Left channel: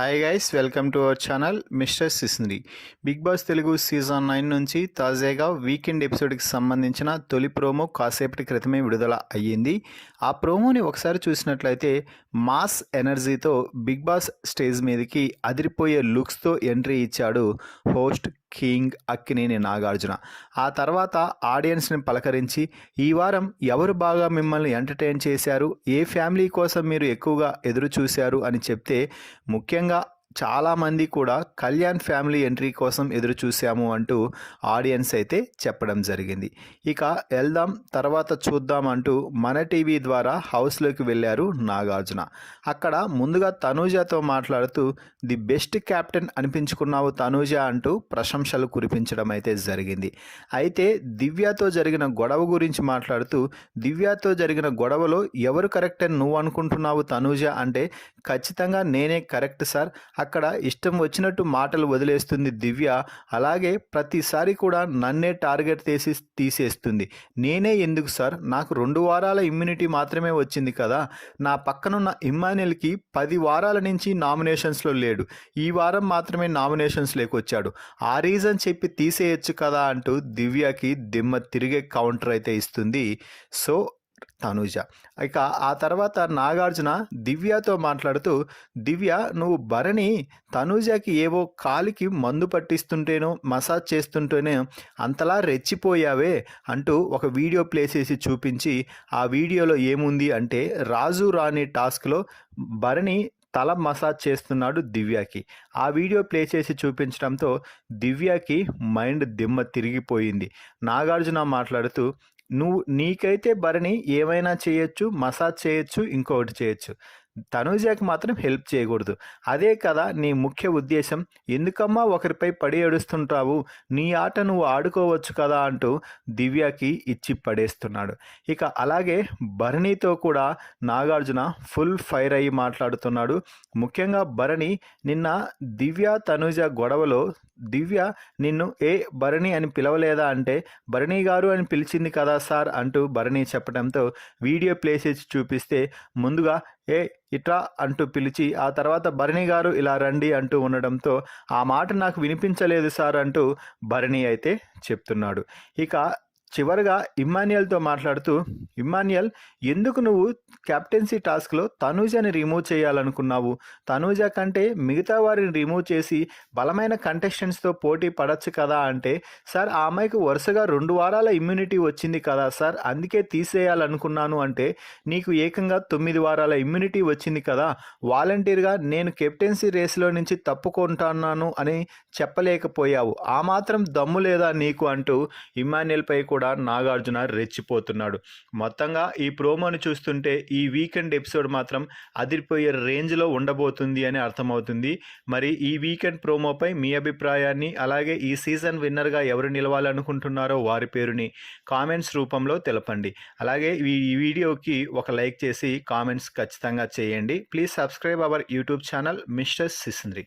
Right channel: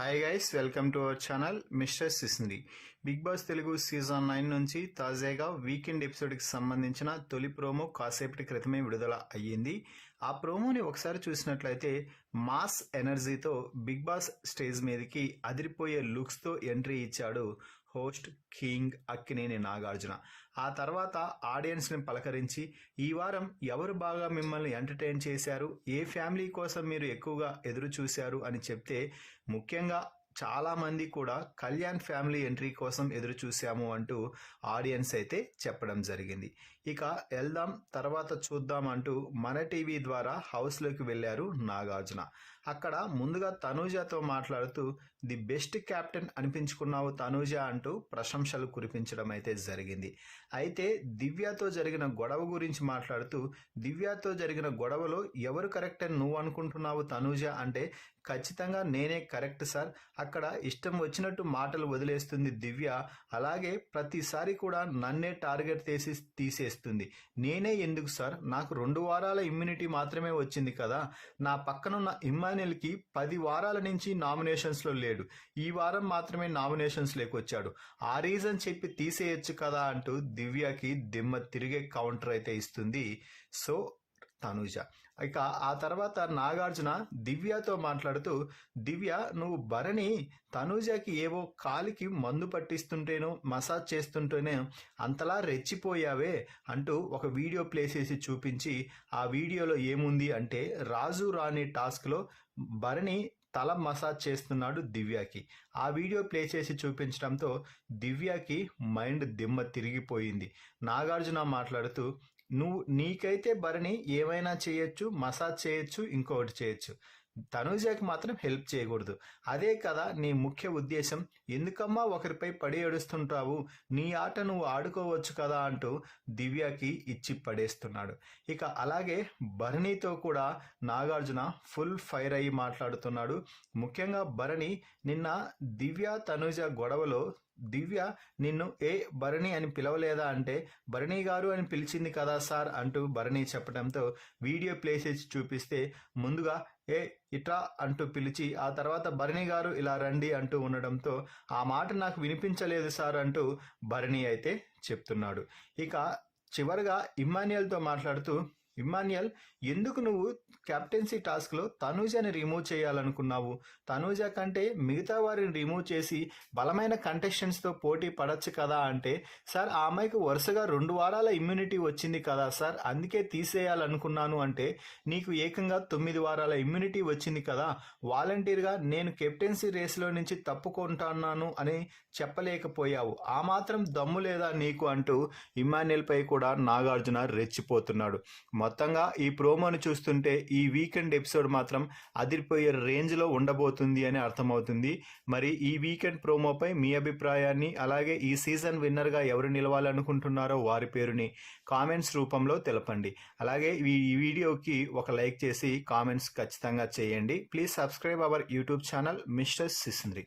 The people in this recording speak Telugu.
Hi guys, welcome to our channel mister Sisindri. Bigg Boss Telugu season 9 నుంచి తాజాగా వీకెండ్ ఎపిసోడ్కి సంబంధించిన తొలి ప్రోమో కాసేపటి క్రితమే విడుదల అయ్యింది. ఆ ప్రోమోని ఒకసారి చూసినట్లయితే మాస్ ఎనర్జీతో బిగ్ బాస్ స్టేజ్ మీదకి అదిరిపోయే లుక్స్తో ఎంట్రీ ఇచ్చాడు హోస్ట్ కింగ్ అక్కినేని నాగార్జున. ఆ తర్వాత ఆడియన్స్ని పలకరించి ఈ వారం ఎవరు బాగా మిమ్మల్ని ఎంటర్టైన్ చేశారు, ఏ ఫ్యామిలీ కోసం మీరు ఎక్కువగా ఎదురు చూశారు అని చెప్తే ముఖ్యంగా చాలామంది కూడా కళ్యాణ్ ఫ్యామిలీ ఎంట్రీ కోసం ఎదురు చూసాము అంటూ ఆడియన్స్ అయితే చెప్పడం జరిగింది. ఇక వెళ్దాం తర్వాత చూద్దాం అంటూ మన టీవీ ద్వారా హౌస్లోకి వెళ్ళారు నాగార్జున. అక్కడ ముందుగా తనూజతో మాట్లాడుతూ ది బెస్ట్ క్యాప్టెన్ అనిపించుకున్నావు తనూజ అంటూ ప్రశంసలు కురిపించడం అయితే జరిగింది. అయితే దివ్యతో జరిగిన గొడవ గురించి మాట్లాడుతూ దివ్యతో జరిగిన గొడవలో ఎవరు కరెక్ట్ అని నువ్వు అనుకుంటున్నావు తనూజ అంటే ఖచ్చితంగా నేనే కరెక్ట్ సార్, అక్కడ ఇష్టం వచ్చినట్టు మాటలు వదిలేస్తుంది దివ్య, అలాగే ప్రతిసారి కూడా నన్నే టార్గెట్ తీసేస్తుంది. నేనే ఎందుకు సార్, నాకు 2 వారాల ఇమ్యూనిటీ మాత్రమే వచ్చింది కదా, నా పక్కనున్న ఇమ్మాన్యుల్కి 10 వారాల నుంచి నామినేషన్స్లో లేడు, ఈ వారం మాత్రమే నామినేషన్స్లోకి వచ్చాడు, ఆ రీజన్ చెప్పి తీసేయచ్చు కదా అంటూ దివ్యకి దిమ్మ తిరిగే కౌంటర్ అయితే ఇస్తుంది సో తనూజ. ఇక ఆ తర్వాత నాగార్జున దివ్యతో మాట్లాడుతూ దివ్య నువ్వు భరణి తనూజకి ఏవో కాలికి మందు పట్టిస్తుంటేనో మసాజ్ చేస్తుంటేనే అంతలా రెచ్చిపోయావే అంటూ ఒక వీడియో ప్లే చేసి చూపించి ఆ వీడియోలో ఏముంది అంటే రాజు రాణి టాస్క్లో భరణి తల మసాజ్ చేస్తున్నాడు దివ్యకి. ఆ వీడియో ప్లే చేసి చూపించడంతో దివ్యకి మైండ్ దిమ్మ తిరిగిపోయింది. నాగార్జున మాట్లాడుతూ నీకైతే భరణి ఏమైనా చేయొచ్చు, మసాజ్ చేయొచ్చు, ఇంకొకటి చేయొచ్చు, తనూజకి మాత్రం హెల్ప్ చేయకూడదు, అదే కదా నీ ముఖ్య ఉద్దేశం, ఎందుకమ్మా ఒకరిపై పడి ఏడుస్తుంటావు, నీ ఆట నువ్వు ఆడుకోవచ్చు కదా అంటూ దివ్యకి ఇచ్చి పడేస్తున్నాడు. ఇక అలాగే భరణితో కూడా నాగార్జున ఫుల్ ఫైర్ అయ్యి మాట్లాడుతున్నాడు. ముఖ్యంగా భరణి నిన్న దివ్య తనూజ గొడవలో దివ్య నిన్ను భరణి అని పిలవలేదా అంటే భరణి గారు అని పిలిచింది కదా సార్ అంటూ భరణి చెప్పడంతో వీడియో ప్లే చేసి చూపిస్తే ముందుగా ఇట్లా అంటూ పిలిచి ఆ తర్వాత భరణి గారు ఇలా రండి అంటూ ఉండడంతో ఆ మాట నాకు వినిపించలేదు సార్ అంటూ భరణి అయితే చెప్తున్నాడు. ఇక చివరిగా ఇమ్మాన్యుయల్తో మాట్లాడుతూ ఇమ్మాన్యుయల్ ఎందుకు నువ్వు కెప్టెన్సీ టాస్క్లో తనూజని రిమూవ్ చేయాలనుకున్నావు, తనూజ కంటే మిగతా వారిని రిమూవ్ చేసి బలమైన కంటెస్టెంట్స్తో పోటీ పడచ్చు కదా అంటే సార్ ఆ అమ్మాయికి వరుసగా 2 వారాల ఇమ్యూనిటీ వచ్చింది కదా సార్ అందుకే తీసేయాలనుకున్నాను అంటే నీకు ఏకంగా 9 వారాల ఇమ్యూనిటీ వచ్చింది కదా, వాలంటీర్గా నేను కెప్టెన్సీ రేస్లో నుంచి తప్పుకుంటున్నాను అని చెప్పలేకపోయావు, ఆ మాత్రం దమ్ము లేదా నీకు అంటూ ఇమ్మాన్యుయల్పై కూడా నాగార్జున రెచ్చిపోతున్నాడు. మొత్తంగా ఈ ప్రోమోను చూస్తుంటే ఈ వీకెండ్ ఎపిసోడ్ మాత్రం అదిరిపోయే రేంజ్లో ఉండబోతుంది అని అర్థమవుతుంది. మరి ఈ వీకెండ్ ప్రోమోపై మీ అభిప్రాయాన్ని అలాగే ఈ సీజన్ విన్నర్గా ఎవరు నిలవాలనుకుంటున్నారో వారి పేరుని కామెంట్స్ రూపంలో తెలపండి. అలాగే ఈ వీడియోకి ఒక లైక్ చేసి కామెంట్స్ ఖచ్చితంగా చేయండి. Please subscribe our YouTube channel mister సిస్ంద్రి.